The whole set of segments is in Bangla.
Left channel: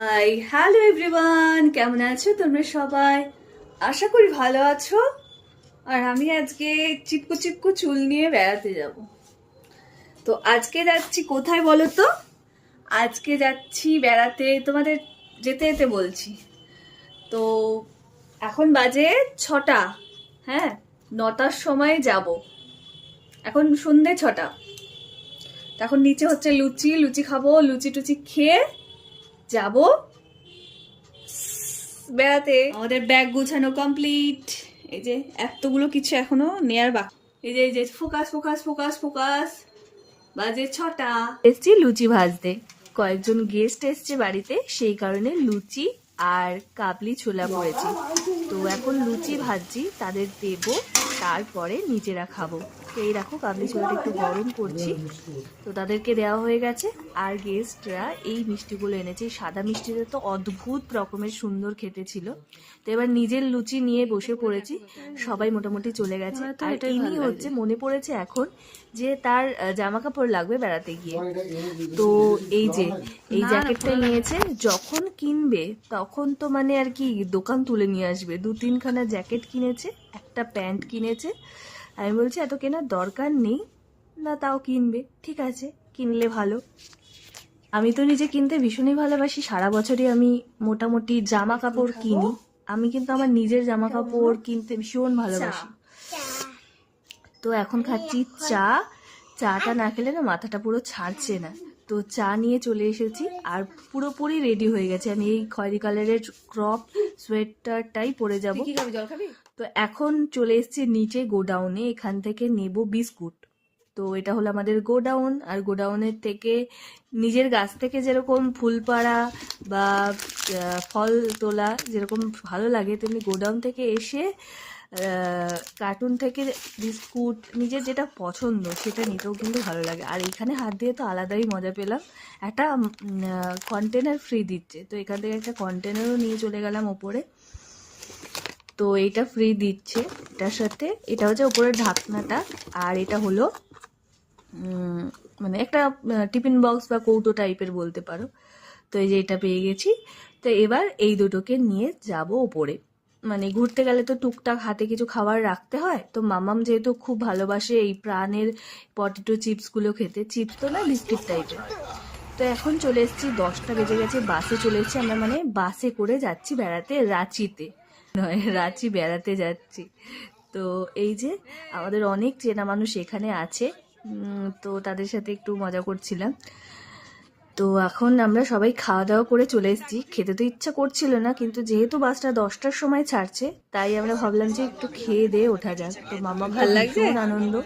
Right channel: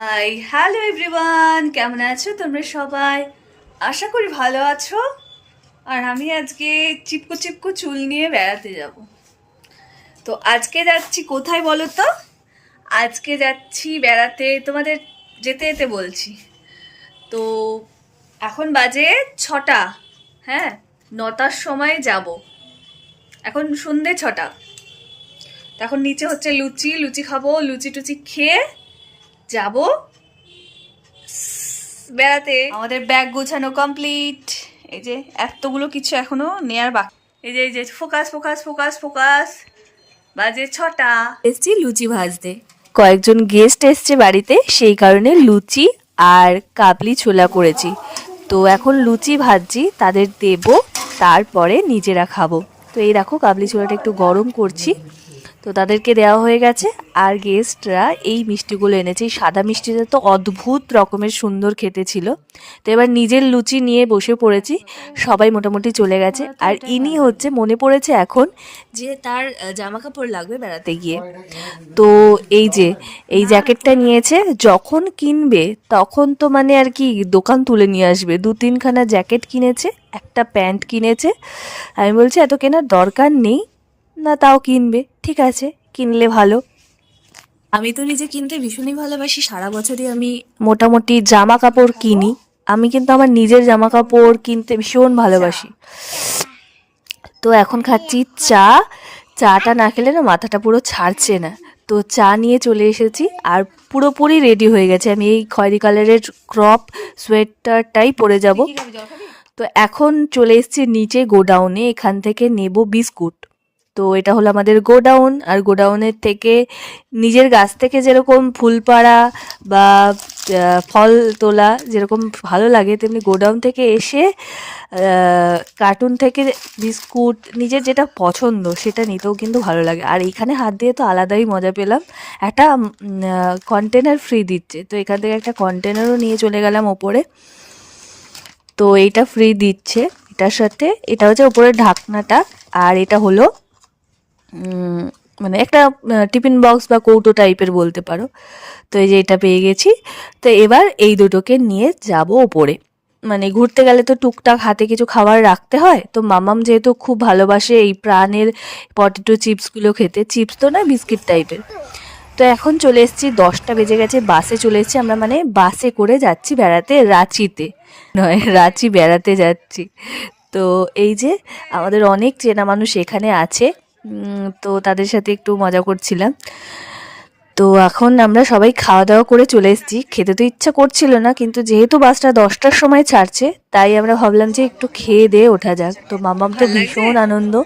হাই, হ্যালো এভরিওয়ান, কেমন আছো তোমরা সবাই? আশা করি ভালো আছো। আর আমি আজকে চিপকো চিপকো চুল নিয়ে বেড়াতে যাব। তো আজকে যাচ্ছি কোথায় বলো তো? আজকে যাচ্ছি বেড়াতে, তোমাদের যেতে যেতে বলছি। তো এখন বাজে ছটা হ্যাঁ নটার সময় যাব। এখন সন্ধে ছটা। এখন নিচে হচ্ছে লুচি লুচি খাব, লুচি টুচি খেয়ে যাব। বেড়াতে। আমাদের ব্যাগ গোছানো কমপ্লিট। এই যে এতগুলো কিছু এখনও নেয়ার বাকি। এই যে এই যে ফোকাস ফোকাস ফোকাস ফোকাস। বাজে ছটা। এসছি লুচি ভাজতে। কয়েকজন গেস্ট এসছে বাড়িতে সেই কারণে লুচি আর কাবলি ছোলা করেছি। তো এখন লুচি ভাজছি তাদের দেব তারপরে নিজেরা খাব। তো এই দেখো কাবলি ছোলাটা একটু গরম করছি। তো তাদেরকে দেওয়া হয়ে গেছে। আর গেস্টরা এই মিষ্টিগুলো এনেছে। এই সাদা মিষ্টিটা তো অদ্ভুত রকমের সুন্দর খেতে ছিল। তো এবার নিজের লুচি নিয়ে বসে পড়েছি। সবাই মোটামুটি চলে গেছে। আর ইনি হচ্ছে, মনে পড়েছে এখন যে তার জামা কাপড় লাগবে বেড়াতে গিয়ে। তো এই যে, এই জ্যাকেটটা নিয়েছে। যখন কিনবে, তখন তো মানে আর কি দোকান তুলে নিয়ে আসবে। দু তিনখানা জ্যাকেট কিনেছে, একটা প্যান্ট কিনেছে। আমি বলছি, এত কেনার দরকার নেই। না তাও কিনবে। ঠিক আছে কিনলে ভালো। আমি তো নিজে কিনতে ভীষণই ভালোবাসি। সারা বছরই আমি মোটামুটি জামা কাপড় কিনি। আমি কিন্তু আমার নিজের জামা কাপড় কিনতে ভীষণ ভালোবাসি। তো এখন খাচ্ছি চা। চাটা না খেলে না মাথাটা পুরো ছাড়ছে না। তো চা নিয়ে চলে এসেছি আর পুরোপুরি রেডি হয়ে গেছে। আমি এই খয়েরি কালারের ক্রপ সোয়েটারটাই পরে যাব। তো এখন চলে এসেছি নিচে গোডাউনে। এখান থেকে নেব বিস্কুট। তো এটা হলো আমাদের গোডাউন। আর গোডাউনের থেকে নিজের গাছ থেকে যেরকম ফুল পাড়া বা ফল তোলা যেরকম ভালো লাগে, তেমনি গোডাউন থেকে এসে কার্টুন থেকে বিস্কুট, নিজের যেটা পছন্দ সেটা নিতেও কিন্তু ভালো লাগে। আর এখানে হাত দিয়ে তো আলাদাই মজা পেলাম। একটা কন্টেনার ফ্রি দিচ্ছে। তো এখান থেকে একটা কন্টেনারও নিয়ে চলে গেলাম ওপরে। তো এটা ফ্রি দিচ্ছে। এটার সাথে, এটা হচ্ছে ওপরের ঢাকনাটা। আর এটা হলো মানে একটা টিফিন বক্স বা কৌটো টাইপের বলতে পারো। তো এই যে এটা পেয়ে গেছি। তো এবার এই দুটোকে নিয়ে যাব ওপরে। মানে ঘুরতে গেলে তো টুকটাক হাতে কিছু খাবার রাখতে হয়। তো মামাম যেহেতু খুব ভালোবাসে এই প্রাণের পটেটো চিপসগুলো খেতে। চিপস তো না, বিস্কিট টাইপের। তো এখন চলে এসেছি, দশটা বেজে গেছে, বাসে চলে এসেছি। আমরা মানে বাসে করে যাচ্ছি বেড়াতে, রাঁচিতে। নয়, রাঁচি বেড়াতে যাচ্ছি। তো এই যে আমাদের অনেক চেনা মানুষ এখানে আছে। তো তাদের সাথে একটু মজা করছিলাম। তো এখন আমরা সবাই খাওয়া দাওয়া করে চলে এসেছি। খেতে তো ইচ্ছা করছিল না কিন্তু যেহেতু বাসটা দশটার সময় ছাড়ছে তাই আমরা ভাবলাম যে একটু খেয়ে দিয়ে ওঠা যাক। তো মামাম তো ভীষণ আনন্দ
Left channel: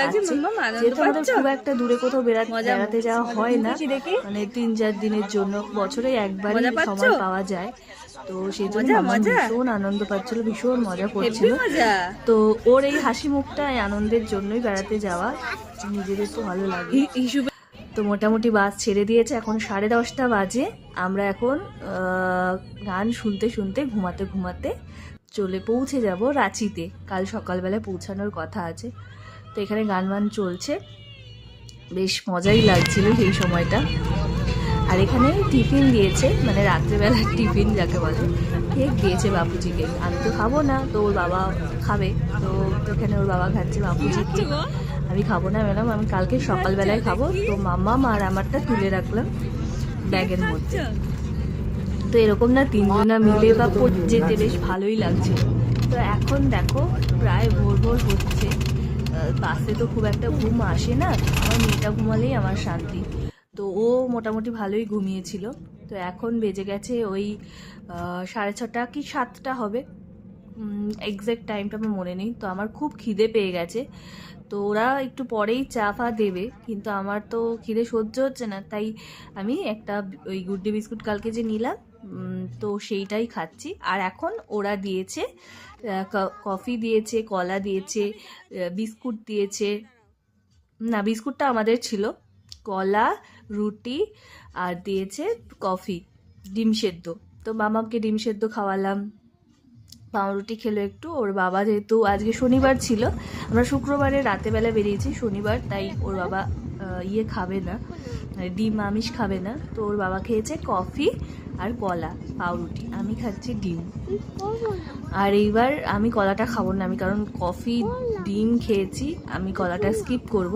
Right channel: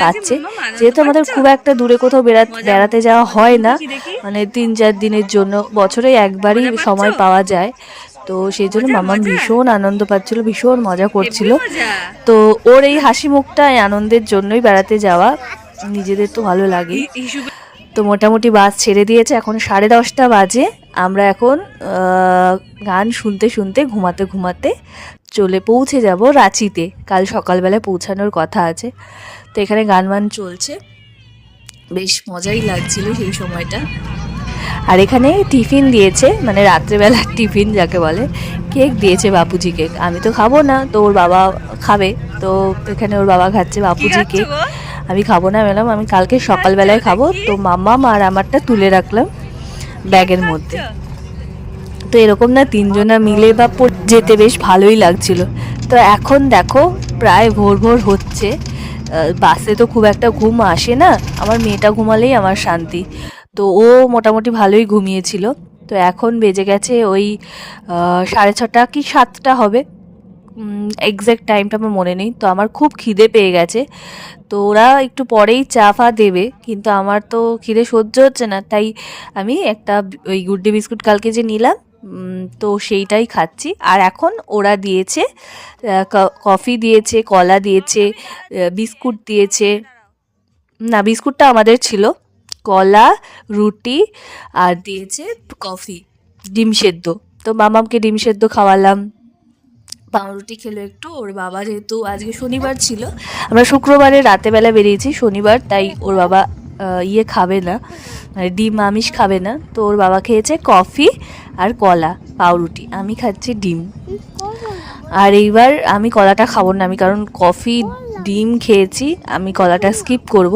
পাচ্ছে। যেহেতু আমাদের খুব একটা দূরে কোথাও বেড়া- বেড়াতে যাওয়া হয় না। মানে তিন চার দিনের জন্য বছরে একবারই সময় পাওয়া যায়। তো সেই জন্য মামাম ভীষণ আনন্দ পাচ্ছিল ভীষণ মজা করছিল। তো ওর এই হাসি মুখটা আনন্দের জন্যই বেড়াতে যাওয়া। নিজেদের তো ভালো লাগে। তো মোটামুটি বাস ছেড়ে দিয়েছে এখন সাড়ে দশটা বাজে। আমরা এখন গান শুনতে শুনতে ঘুমাতে ঘুমাতে চলে পৌঁছে যাব রাঁচিতে। কাল সকালবেলা পৌঁছানোর কথা আছে। তো এখানে গান বান চলছে। বেশ মজাই লাগছিল সেই সময়টা। আর এখানে টিফিন দিয়েছে মানে রাত্রেবেলার টিফিন যাকে বলে কেক দিয়েছে বাপুজি কেক। আমি তো খাব না তো ওর বাবা খাবে। তো এখানে ওর বাবা খাচ্ছে বাপুজি কেক। আমি খাব না ম্যাডাম, আমি কালকে সকালবেলায় খাব। তো মাম্মাম আর আমারটা তুলে রাখলাম ব্যাগের মধ্যে। তো এরকম না তিনজনা মিলে বা যেতে বেশ ভালোই লাগছিল। তো এখন দেখো, প্রায় ভোর ভোর হচ্ছে। বাসে তো খুব একটা ঘুম আসে না। আমার মেয়েটা ঘুমালেই আমার শান্তি। তো ও মোটামুটি ভালোই ঘুমিয়েছিল। তো এখন বেজে গেছে ওই সাড়ে ছটা কি সাতটা হবে। এক্স্যাক্ট টাইমটা আমার মনে নেই। তো আমার খুব খিদে পেয়ে গেছে। তো ওরা একটু পরেই চা ফা দেবে, কিন্তু আমার তো খিদে সহ্য হচ্ছে না, তাই আমি একটা ওই গুড্ডে বিস্কুট কালকে যে নিলাম তো সেইটাই খাচ্ছি। আর এখন ওরা দিয়েছে কফি দিয়েছে, কলা দিয়েছে বিস্কুট দিয়েছে। না, বিস্কুটটা আমাদের ছিল। কলা, রুটি, আর দিয়েছে কফি, ডিম সেদ্ধ। তো মামামকে ডিম সেদ্ধ খাওয়ালাম। পাউরুটি খেলো একটু, ওর বাবা যেহেতু আজকে শনিবার ছিল, আমরা শুক্রবারে রাতেবেলা বেরিয়েছি শনিবার, তাই ওর বাবা ইয়ে খাবে না মানে ডিম আমিষ খাবে না, তো ওর বাবা খেয়েছে কফি আর কলা, পাউরুটি, আমি খাচ্ছি ডিম। আর এইবার আমি কলাটা খাব না আমি, কারণ কফি, ডিম খেয়েছি, আমি কলাটা স্কিপ করব।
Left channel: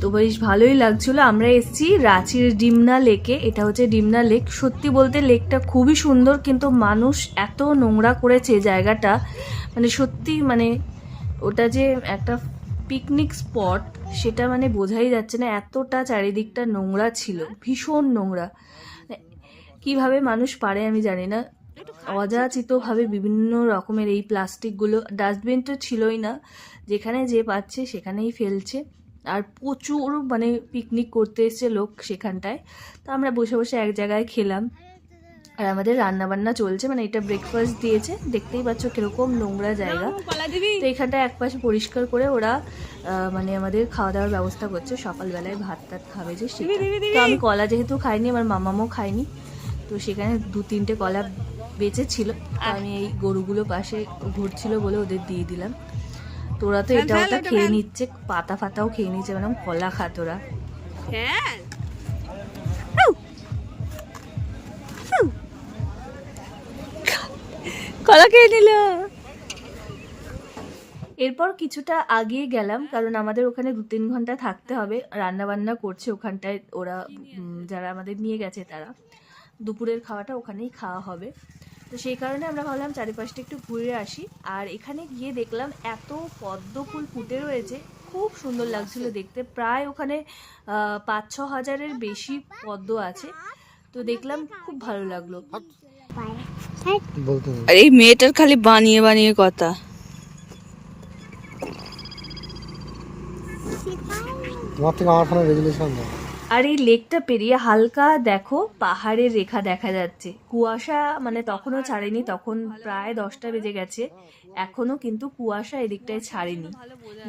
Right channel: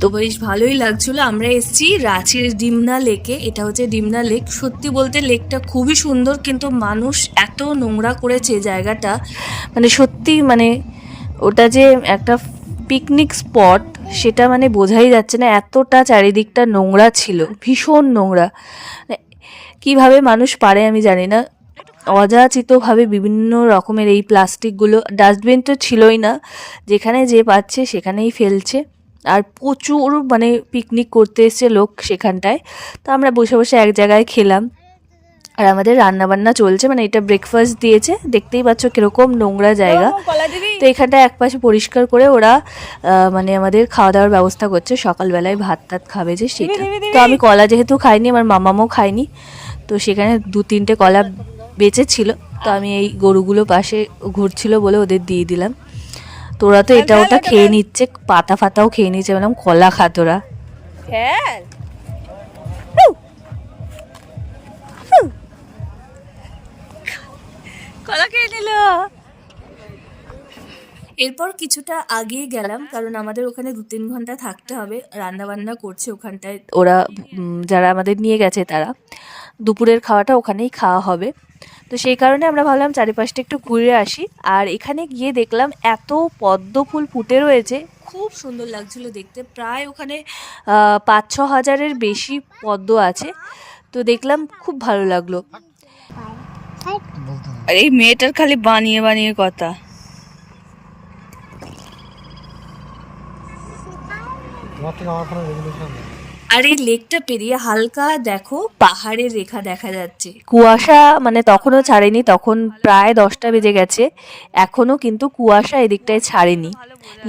তো বেশ ভালোই লাগছিল। আমরা এসেছি রাঁচির ডিমনা লেকে। এটা হচ্ছে ডিমনা লেক। সত্যি বলতে লেকটা খুবই সুন্দর, কিন্তু মানুষ এত নোংরা করেছে জায়গাটা। মানে সত্যি মানে ওটা যে একটা পিকনিক স্পট সেটা মানে বোঝাই যাচ্ছে না এতটা চারিদিকটা নোংরা ছিল। ভীষণ নোংরা। কীভাবে মানুষ পারে আমি জানি না। অযাচিতভাবে বিভিন্ন রকমের এই প্লাস্টিকগুলো ডাস্টবিন তো ছিলই না। যেখানে যে পাচ্ছে সেখানেই ফেলছে। আর প্রচুর মানে পিকনিক করতে এসছে লোক সেখানটায়। তো আমরা বসে বসে এক জায়গায় খেলাম। আর আমাদের রান্না বান্না চলছে মানে এটা ব্রেকফাস্ট দিয়েছে। দেখতেই পাচ্ছ কীরকম নোংরা জায়গা। তো এখানটা এক পাশে পরিষ্কার করে ওরা মানে আমাদের খাওয়া দাওয়ার ব্যবস্থা করছে। সকালবেলায় ভাত টাত খাবে যে সেটা। তো আমি কলা যেহেতু খাইনি আমার মামামও খাইনি তো সেখানে দু তিনটে কলা বেঁচে ছিল তো আমি এই গরুগুলো পাশে ঘুরছিল বলে ওদের দিয়ে দিলাম। তোরা তো এটা ওটা খেয়ে নিচ্ছে পাতা ফাতাও খেয়ে নিচ্ছে বললাম কলা খা তোরা। কলা খেয়ে নিল। এরপর কিছুটা আগিয়ে গেলাম কারণ আমাদের ওখানে দু তিন ঘণ্টা থাকতে হবে রান্না বান্না করছে ওখানটায়। ওরা যারা আমাদের নিয়ে গেছে তারা। দুপুরের খাওয়াটা ওখানেই খাওয়া হবে। তো সেই কারণে আমরা ভাবলাম চারিপাশটা একটু ঘুরে আসি। আর এখানে গিয়ে দেখলাম এত পদ্ম ফুল ফুটে রয়েছে খুব সুন্দর লাগছিল দেখতে। প্রায় ওখানে পাঁচ ছ হাজারের বেশি পদ্ম আছে। তো দেখলাম খুব ভালো লাগল। আর এই মেয়েটার খালি বানিয়ে বানিয়ে কথা। তোমার থেকে আমার ফোনে রেজুলেশন আর এই লেকটা পেরিয়ে হালকা দেখো পাহাড়ের রেখা দেখা যাচ্ছে। কুয়াশা মানে তখনও ছাড়েনি তখন প্রায় দশটা বেজে গেছে। এখনও কিন্তু কুয়াশা এদিকটায় ছাড়েনি।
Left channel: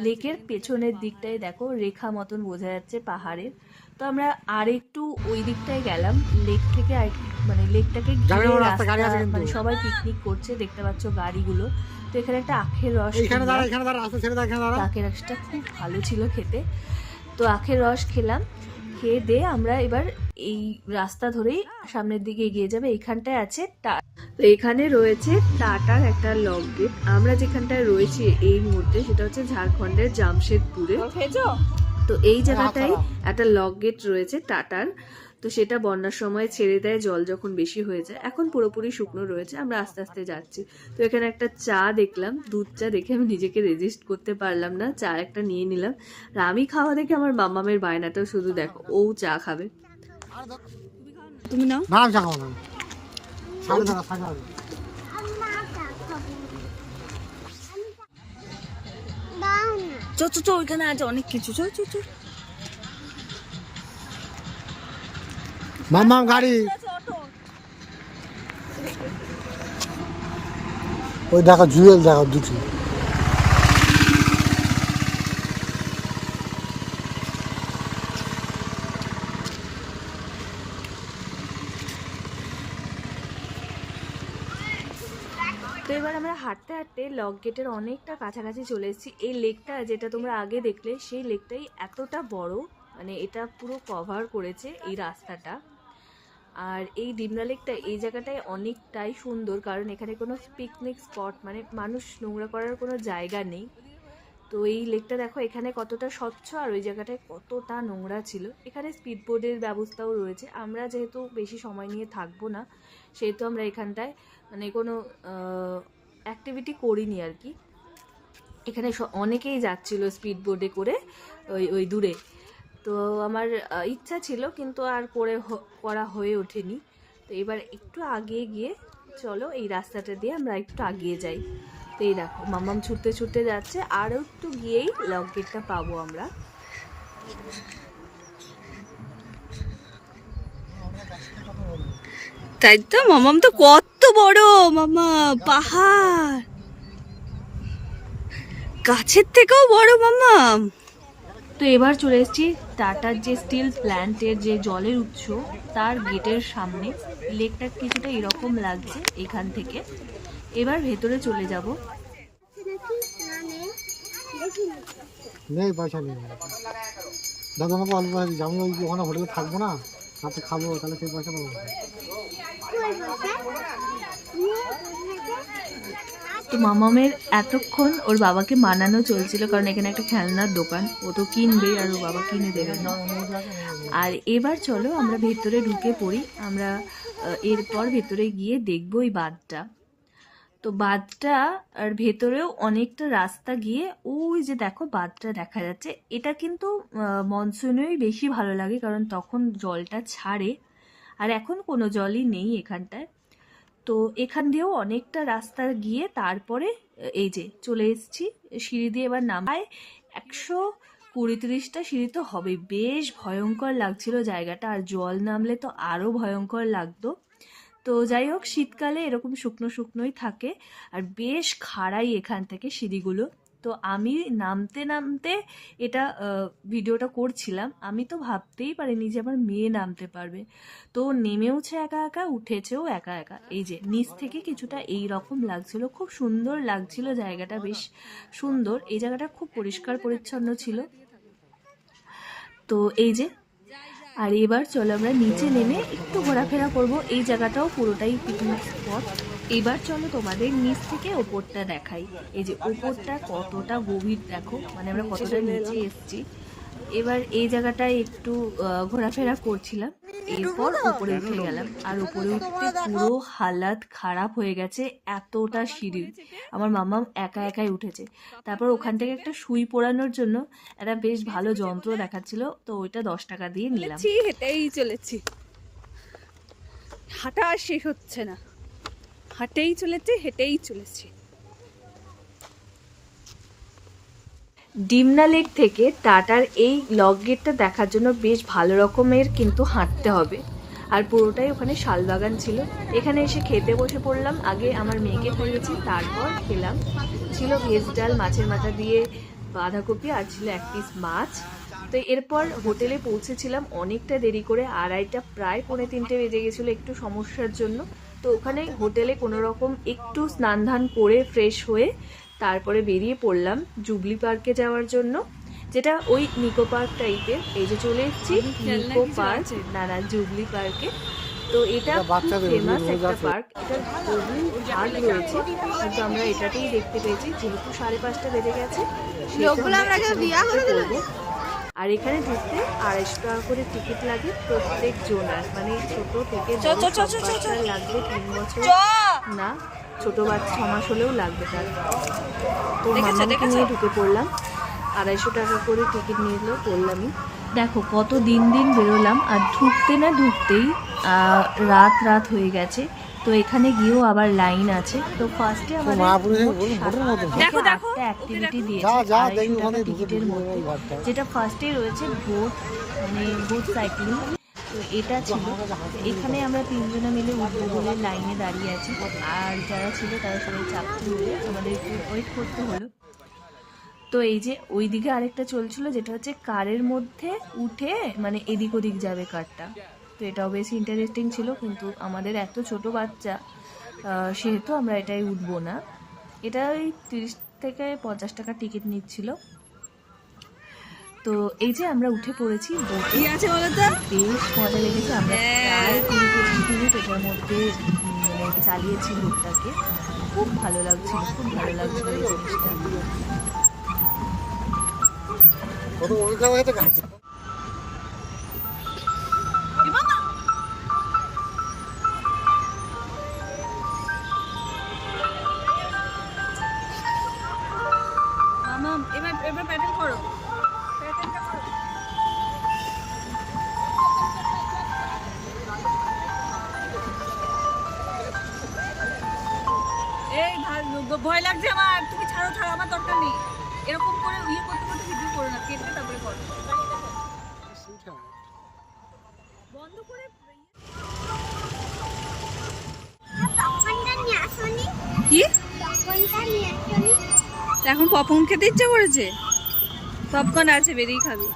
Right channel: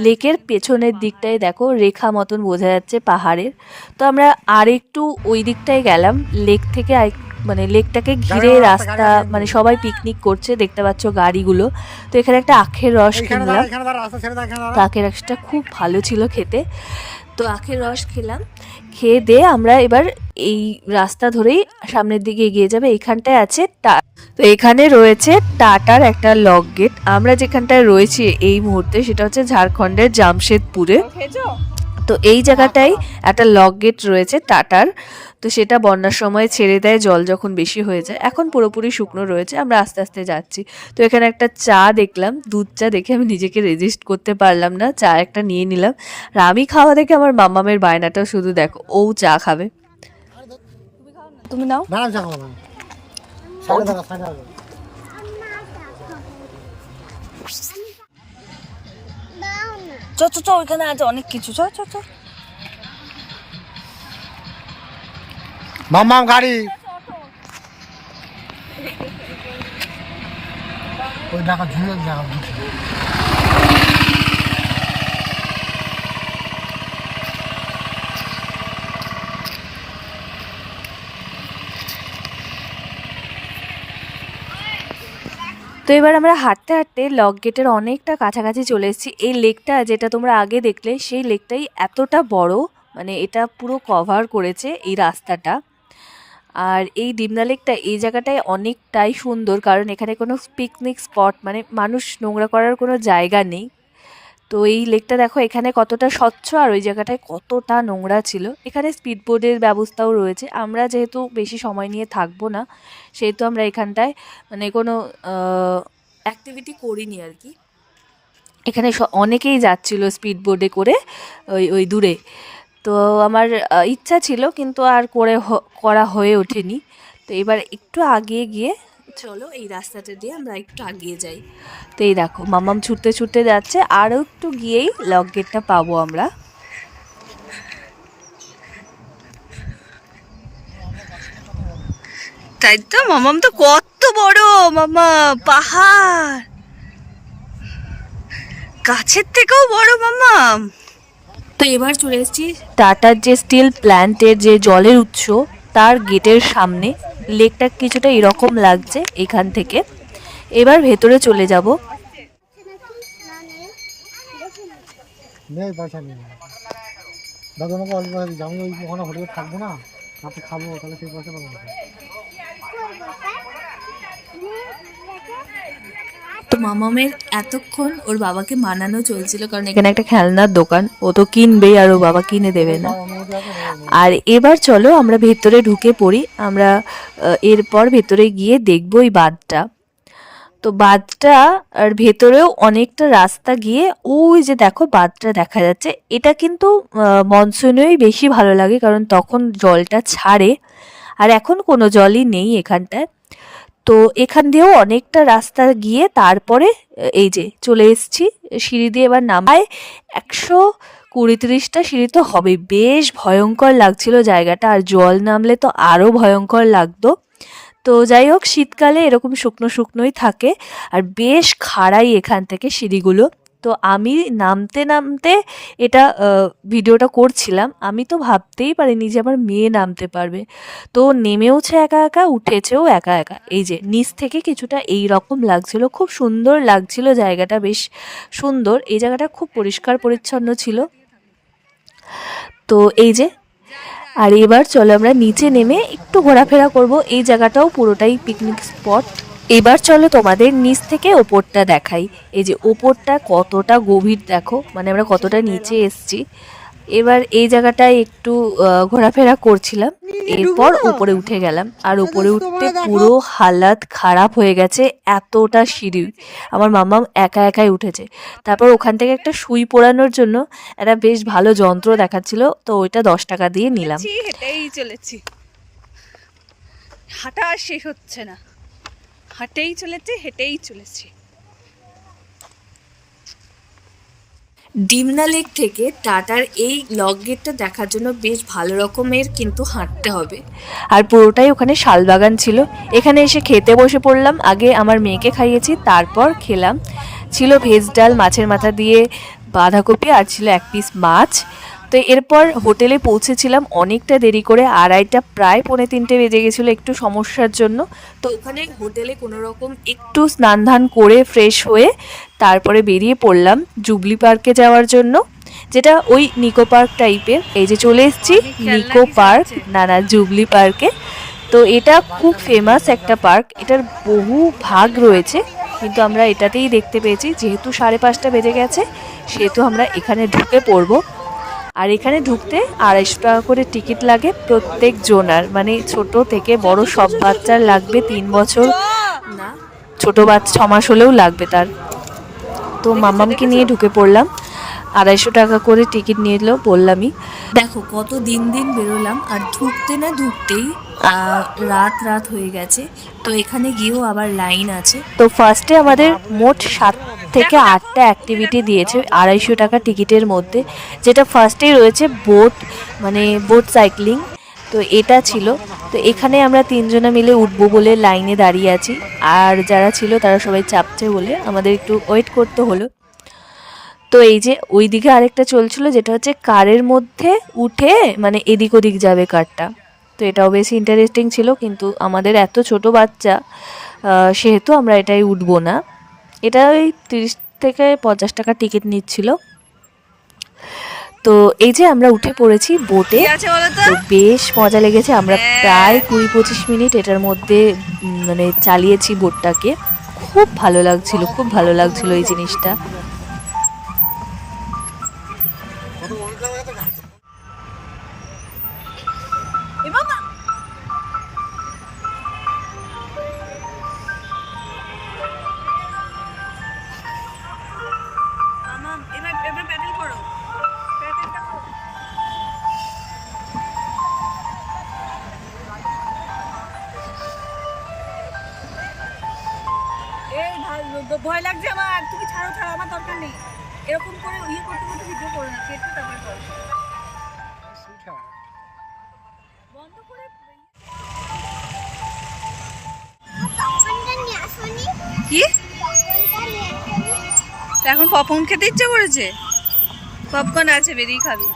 লেকের পেছনের দিকটায় দেখো রেখা মতন বোঝা যাচ্ছে পাহাড়ের। তো আমরা আর একটু ওই দিকটায় গেলাম। লেক থেকে আর মানে লেকটাকে ঘিরে রাস্তা মানে সবাই পিকনিক করছে দেখতে পাচ্ছ গাড়িগুলো। তো এখানে একটা আখের রস কিনলাম। তো আখের রসটা খুব ভালো ছিল খেতে। তো আখের রস খেলাম। খেয়ে দিয়ে আমরা এবার এই রাস্তা ধরেই সামনের দিকে এগিয়ে যাবে। এখানটায় আছে টা- তো এখানে রয়েছে টাটার একটা লক গেট। আমরা যেখানটায় রয়েছি এই মুহূর্তে সেটা হচ্ছে ঝাড়খণ্ডের জামশেদপুরে। তো এই জায়গাটাই একটা লক গেট রয়েছে টাটার। তো সেটা বন্যার সময় ছেড়ে দেয় জল যখন বেশি হয়ে যায়। এখন পুরোপুরি শুকনো রয়েছে আমরা আস্তে আস্তে যাচ্ছি। তো এখানে একটা চা দেখলাম দুধ চা দেখে আমি নিজেকে রেজিস্ট করতে পারলাম না চা একটা নিয়ে নিলাম। আর আমি খাওয়া দেখে আমার মামামের বায়নাটাও শুধু দেখো ও চা খাবে। তুমি নাও না? দাঁড়া চ চ চ ওইখানে আছে অনেক কিছু। চ চ চ। মাম্মাম গাড়ি। ওই দেখো, জুয়েল দেখো, দুটি। তো এবার আমরা হাঁটতে হাঁটতে লক গেটের অনেকটা কাছাকাছি চলে এসেছি। এই লেকটা যেটা তোমরা আগে দেখলে, সেই লেকটাই এতটা বড় মানে এটা পুরো কভার করেছে এই রাস্তাটা। আর এই ডিমনা লেকটা এই জায়গাটায় অনেকটাই সুন্দর, কারণ এখানে কোনো পিকনিক স্পট মানে মানুষ নোংরা করার কোনো জায়গা নেই। তো এই লেকটা দেখো এখানে কতটা স্বচ্ছ আর ওই জায়গাটায় কতটা নোংরা ছিল। এখানে স্পিড বোর্ডের ব্যবস্থাও রয়েছে। আমরা যেহেতু বেশি সময় নিয়ে থাকব না, সেহেতু আমরা এখানটায় মানে কোনো অ্যাক্টিভিটি করিনি আর কি। এখানে অনেকেই যাচ্ছিল স্পিড বোর্ডে করে ওই ওই দূরে। তো আমার ইচ্ছা ছিল, কিন্তু আর করে করা হয়ে ওঠেনি। তো এবার একটু আগিয়ে গিয়ে, চলো এই রাস্তাটা দিয়ে আমরা একটু আগিয়ে যাই। তো এই দেখো, মামাম ছুটতে ছুটতে যাচ্ছে, আরও একটু গিয়েই লক গেটটা পাবো আমরা। তাই তো, মামাম তো কত বড়, মামা, পাহাড়। গাছের থেকেও বড়, মামাম। তো এবার চলে এসেছি টাটার যে স্টিল প্ল্যান্টের যে জলের উৎস তার গেটের সামনে। লেকটা কিছুটা এরকম লাগছে এখান থেকে। এবার ভেতরে চলে যাব। নেই পয়সা নেই। দাদা আমাকে অল্প পয়সা দিচ্ছে আমি ওই ওখানে হোটেলে থাকব না। রাতে খাব তাহলে সেই পয়সা পাবো কোথায়? তো মামামের এতক্ষণ ওর বাবাকে মানানো চলছিল, কারণ এখানে একটা খেলনার দোকান। ও তো কিনবেই আর ও বাবা কিনে দেবে না? আর এবার চলো আমরা ভেতরে ঢুকে পড়ি। আমরা এরপর ভেতরে গিয়ে দেখব এই বাঁধটা। তো বাঁধটা, আর ভেতরেও অনেকটা রাস্তা গিয়ে ওই যে দেখো বাঁধটা দেখা যাচ্ছে। এটা কিন্তু মনসুনেই বেশি ভালো লাগে, কারণ তখন জলটা ছাড়ে। আর এখন কোনো জলই নেই এখানটায়। তো এখান দিয়েও অনেকটা রাস্তা গিয়ে তারপরে, এই যে চলে এসছি, সিঁড়ি দিয়ে এবার নামায়। একশো কুড়ি তিরিশটা সিঁড়ি তো হবে বেশ ভয়ঙ্কর লাগছিল জায়গাটা। আর জল নামলে তো আরও ভয়ঙ্কর লাগতো। তো যাই হোক, শীতকালে এরকম শুকনো শুকনোই থাকে। আর বেশ খাড়াই এখান থেকে সিঁড়িগুলো। তো আমি নামতে নামতে এটা ভিডিওটা করছিলাম। আমি তো ভাবতেই পারিনি যে আমার মেয়ে নামতে পারবে। তো নেমেওছে একা একা, উঠেছেও একা একা। এই যে নিচ থেকে কিছুটা এই রকম লাগছিল, খুব সুন্দর লাগছিল জায়গাটা, বেশ সুন্দর। এই জায়গাটা খুব পরিষ্কার, পরিচ্ছন্ন ছিল। তো এই যে, আর এবার চলো আমরা নিচে নেমে একটু ঘোরাফেরা করব। এই জায়গাটাও পুরোটাই পিকনিক স্পট এবার চলো তোমাদের নিচ থেকে ওপরটা দেখাই। এই যে ওপরটা কতটা গভীর দেখো মানে আমরা কতটা নিচে এসছি। এবার এই জায়গাটায় একটু ঘোরাফেরা করছিলাম। এরপর উপরে উঠে গেলাম। আর উপরে উঠতে পুরো হালাত খারাপ হয়ে গেছে, এতটা সিঁড়ি। আমার মামা একা একাই উঠেছে। তারপর ওখান থেকে একটা সুই পোড়ানোর জন্য একটা বেশ ভালো যন্ত্র দেখাচ্ছিল, তো ওইটা দশ টাকা দিয়ে নিলাম। হেঁটেই চলেছি। হাঁটা আর শেষ হচ্ছে না। হাঁটেই চলেছি হেঁটেই চলেছি। ডিমনা লেক থেকে টাটার এই লক গেটটা দেখার জন্য বেশ ভালো রকমের কিন্তু হাঁটতে হবে। আর পুরোটাই ওখানে শালবাগান ছিল। এখানে এসে খেতে বসে পড়লাম আগে আমার মেয়েকে খাইয়েছি তারপর খেলাম। ছিল ভেজ ডাল মাছের মাথা দিয়ে বাঁধাকপি আর ছিল এক পিস মাছ। তো এরপর হোটেলে পৌঁছেছিলাম অনেকটা দেরি করে আড়াইটা প্রায় পৌনে তিনটে বেজে গেছিল একটু সমস্যার জন্য। তো ওখানে হোটেলে কোনো রকম একটু স্নান ধান করে ফ্রেশ হয়ে তারপরে বেরিয়ে পড়লাম জুবলি পার্কে যাওয়ার জন্য যেটা ওই নিকো পার্ক টাইপের। এই যে চলে এসেছি নিকো পার্ক। না না জুবলি পার্কে। তো এটা খুব ফেমাস একটা পার্ক এটার বহু ভাগ রয়েছে কিন্তু আমরা এটাতেই দেখতে পেয়েছি যেহেতু সাড়ে পাঁচটা বেজে গেছে সেহেতু আমরা এখানে ঢুকে পড়ব। আর এখানে ঢুকতে আড়াইশো টাকা করে টিকিট লাগে প্রত্যেক জোনার। মানে ছোট থেকে বড় সব বাচ্চার লাগবে তিন বছর। না ছোট বাচ্চা ছ মাস হলেও লাগবে তার। তো মামামকে নিয়ে ঢুকে পড়লাম। আড়াইশো টাকা করে টিকিট নিয়ে এলো বললামই। দেখো কত দিন দিন বেরোলাম আর ঢুকতে না ঢুকতেই রাত রাত হয়ে গেছে। তো এখানে গিয়েও আবার লাইন আছে। তো ফার্স্টে আমাদের মোট সাত থেকে আটটা অ্যাক্টিভিটি দিয়েছে আড়াইশো টাকা টিকিটের মধ্যে। যেটা ফার্স্টেই রয়েছে বোট মানে বোট সাইক্লিং তো এটা ছিল। তো এখানে আমরা তিনজনে মিলে উঠবো বলে লাইনে দাঁড়িয়ে আছি। আর যারা ছিল তারা সবাই চাপছে বলে আমাদের একটু ওয়েট করতে হলো। তো এই যে ওই দিকে আরেকটা চলছিল যেটা হচ্ছে কারের মধ্যে উঠে মানে এদিক ওদিক যাবে কারটা। তো এটাও বেশ ইন্টারেস্টিং ছিল কিন্তু আমাদের এত ছোট বাচ্চা সেহেতু আমরা এটাই উঠবো না। এটা ওই তিরিশ থেকে পঞ্চাশ টাকা টিকিট নিচ্ছিল। তো এই যে আমরা উঠে পড়েছি বোটে বেশ মজা লেগেছে। আমরা হ্যাঁ। প্রায় কুড়ি পঁচিশ মিনিট এটার মধ্যে মানে চালিয়েছি বোটটাকে খুব ভালো লাগছিল খুব ভালো লাগছিল এই জিনিসটা। এখন পপকর্ন খেতে ইচ্ছা করেছে? পপকর্ন আছে বেরিয়ে খাবি।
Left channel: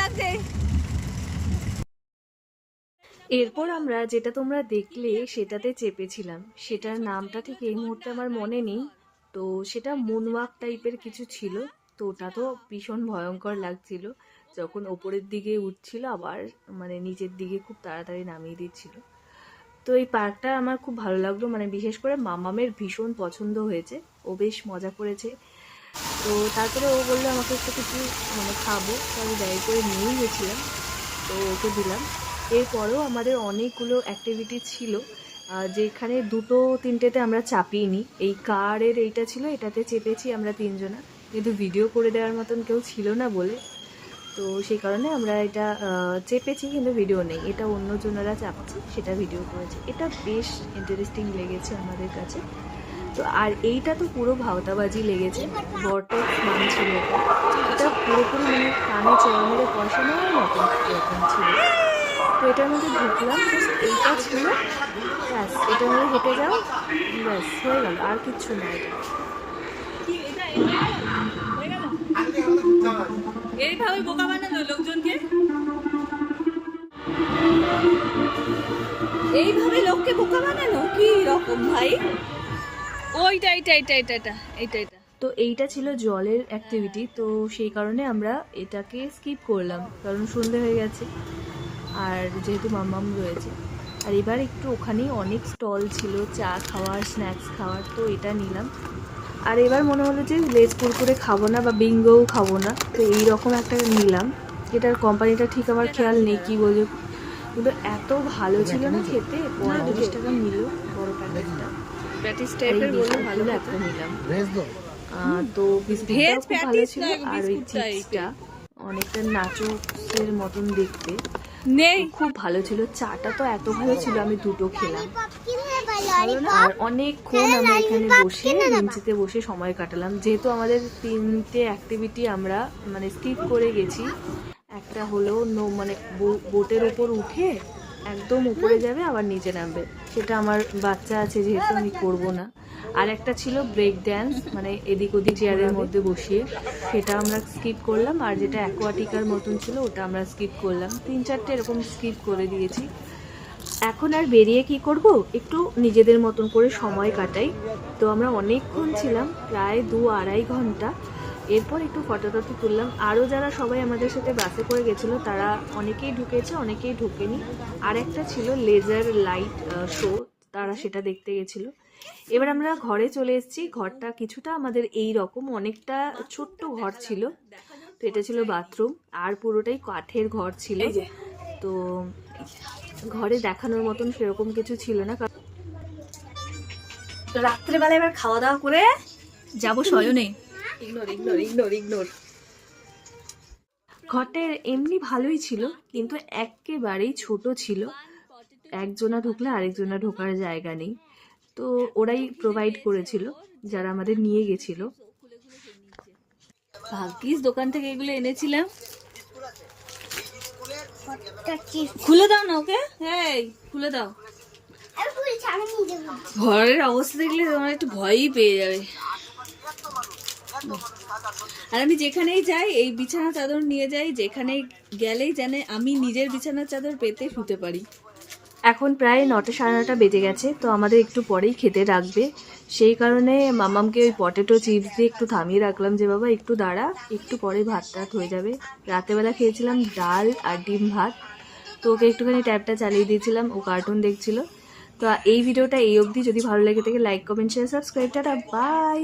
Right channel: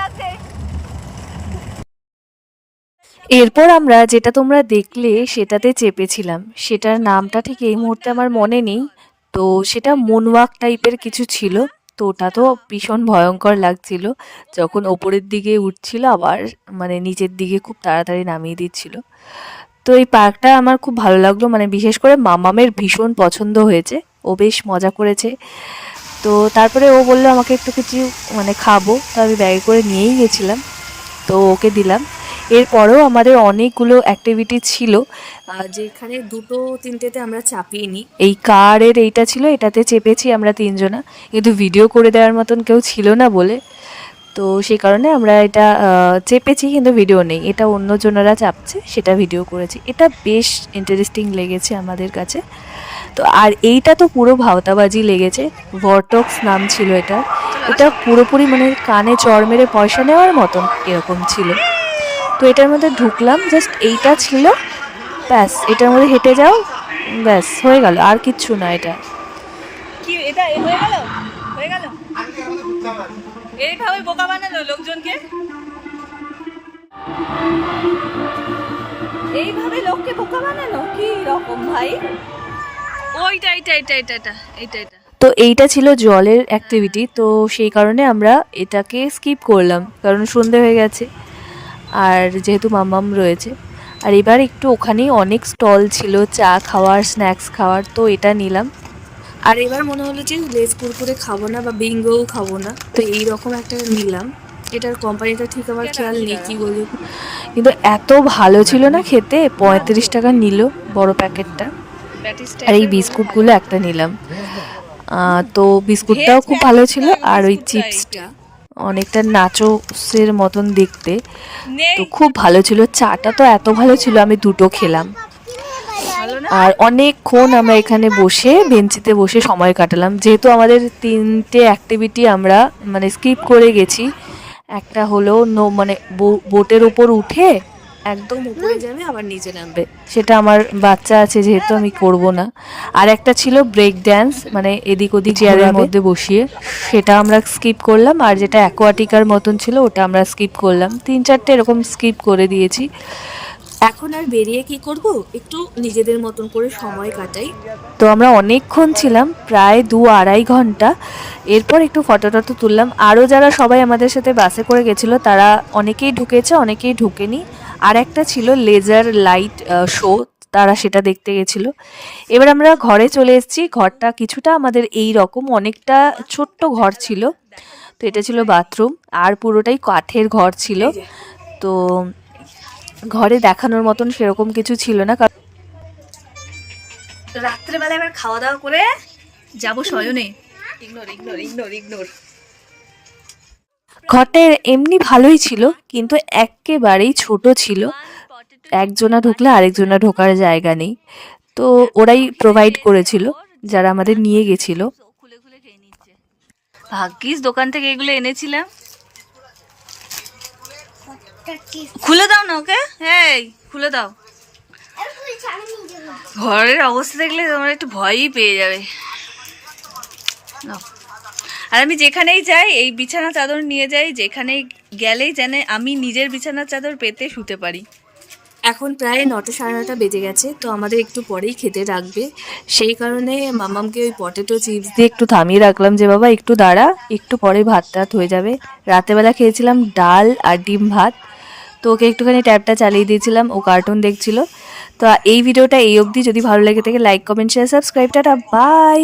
লাগছে। এরপর আমরা যেটা তোমরা দেখলে সেটাতে চেপেছিলাম। সেটার নামটা ঠিক এই মুহূর্তে আমার মনে নেই। তো সেটা মনওয়াক টাইপের কিছু ছিল। তো ওটা তো ভীষণ ভয়ঙ্কর লাগছিল। যখন ওপরের দিকে উঠছিল আবার মানে নিচের দিকে খুব তাড়াতাড়ি নামিয়ে দিচ্ছিল। তো এই পার্কটা আমার খুব ভালো লাগল। মানে বিশেষ করে মামামের ভীষণ পছন্দ হয়েছে। ও বেশ মজা করেছে। তো তারপরে ও বলল, আমাকে একটু কিছু মানে খাব। তো আমি ব্যাগে করে নিয়েই গেছিলাম। তো ওকে দিলাম। এরপরেও আমাদের অনেকগুলো অ্যাক্টিভিটি ছিল। যেখানে দুটো তিনটেতে আমরা চাপিয়ে নিই। এই কারের এইটা ছিল, এটাতে চেপেছি আমরা তিনজনা। কিন্তু ভিডিও করে দেওয়ার মতন কেউ ছিল না বলে। তো সেই কারণে আমরা এটা চেপেছি কিন্তু ভিডিও নেই। এটা অন্যজনেরা চাপছে, সেটা ভিডিও করেছি। এটা বেশ ইন্টারেস্টিং লেগেছে আমাদের কাছে। তো আর এইটা তো পুরো ভাওতাবাজি লেগেছে ভরটক্স নাম ছিল এটা। এটা পুরোপুরি মানে কানে চর মেরে পয়সা নেওয়ার মতন এরকম ছিল। তো এটার মধ্যে ঢুকলাম জাস্ট এইটা ছিল, ব্যাস, এটার মধ্যে হেঁটে যাও, ব্যাস, হয়ে গেল, আর কিচ্ছু না এটা। কি, এটা হয়ে গেল? হয়ে গেল? এইভাবে বোকা বানালো লোকজনকে? এইভাবে লোককে বোকা বানালো? কি রকম ভাই? ওইটা এইটা এইটা এইটা এটা এইটা এটা তো এইটা ছিল জলের অ্যাক্টিভিটি তো সেই কারণে আমরা এটাকে স্কিপ করলাম কারণ সন্ধে হয়ে গেছে আর যেহেতু মাম্মাম রয়েছে। আর এবার একটু ওখানেই অনেক স্টল ছিল চা খাওয়ার স্ন্যাক্স খাওয়ার তো এটা নিলাম। আর এবার মনে হলো যে লেজ কুরকুরে খাব না বা বিঙ্গোও খাব না তো এই রকম একটা নিলাম এটার কোম্পানিটা ঠিক আমার খেয়াল নেই কি বলব? কিন্তু এত ভালো ছিল না খেতে পঁয়ত্রিশ টাকা নিল বড় প্যাকেটটা আর এই বিস্কুটগুলো একটা নিলাম। তো বিস্কুটটাও খুব ভালো ছিল আর ওই চিপসটা। অনেকটা নাচোসের মতন দেখতে। তো খুব ভালো ছিল। চাটা তো এত ভালো ছিল আমি দুটো খেলাম। আর অনেকক্ষণ আমরা এখানে বসে বেঞ্চিতে বসে সময় কাটালাম। যেহেতু আমাদের তিনটে অ্যাক্টিভিটি আমরা মানে স্কিপ করে গেছি একটা হলো নো মানে বোটের ওপর উঠে একদম উপরে যাবে আবার নিচে নামবে। সেটা আমার বাচ্চা আছে যেহেতু আমি করব না। আর একটা ছিল ব্রেক ড্যান্স মানে এদিক ওদিক চেয়ারের মধ্যে বসিয়ে। সেটা আমরা স্কিপ করলাম আর যেটা অ্যাকোয়াটিকার মতন ছিল ওটা আমরা স্কিপ করলাম। তিন চারটে এরকম স্কিপ করে দিয়েছি। এখন আর বেরিয়ে কি করব? একটু নিজেদের মতন করে সময় কাটাই। তো আমরা অনেকক্ষণ ছিলাম প্রায় দু আড়াই ঘণ্টা। এরপর একটু ফটো টটো তুললাম। আরও যারা সবাই আমাদের সাথে বাসে করে গেছিল তারা অনেকেই ঢুকেছে অনেকেই ঢুকেনি। আর একটা ছিল লেজার লাইট শো তারা সেটা দেখতে গেছিল। এবার আমরা ঘরে চলে এসেছি। ঘরটা কিছুটা আমাদের এই রকম অনেকটা ছোট্ট ঘর ছিল। তো এটা ছিল বাথরুম আর পুরোটাই কাঠের ঘর ছিল। তো ঘরে দেখানোর মতন সেরকম কিছু ছিল না কারণ রাত্রেবেলা এবার খাওয়া দাওয়া করে যাব শয়নে। ইগনোর ইগনোর ইগনোর ইগনোর ঘরটা এমনি ভালোই ছিল কিন্তু একেবারেই ছোট ছিল। একজনা ঢুকলে আরেকজনা ঢোকার জায়গা নেই। তো ওরাই প্রোভাইড করেছিল যারা আমাদের নিয়ে গেছিল। খুলে খুলে ভাগ্যিস দোকান থেকে এগুলো এনেছিলাম। খুলে দাও না ওকে? এই, খুলে দাও। ঘরের অবস্থা দেখলে তোমার একটু ভয়ই পেয়ে যাবে। আর আমি যেখানেই যাই, এই বিছানা চাদর নিয়ে যাই যেখানে গেলেই জানে আমি নিজের বিছানার চাদর পেতে শুতে পারি। এখন প্রায় নটা সাড়ে নটা বেজে গেছে, তো আমাদের একটু পরেই খেতে রাখবে সেই কারণে মামামকে ওই পটেটো চিপস দিয়ে একটু থামিয়ে রাখলাম যে, বাবা, একটু দাঁড়া, একটু পরে ভাত টাত হয়ে যাবে। রাতেবেলা খেয়েছিলাম ডাল আর ডিম ভাত। তো ওকে একটুখানি ট্যাবটা চালিয়ে দিয়েছিলাম, ও কার্টুন দেখছিল। তো এই ভিডিওটা এই অবধি। যদি ভালো লেগে থাকে like comment share subscribe tata bye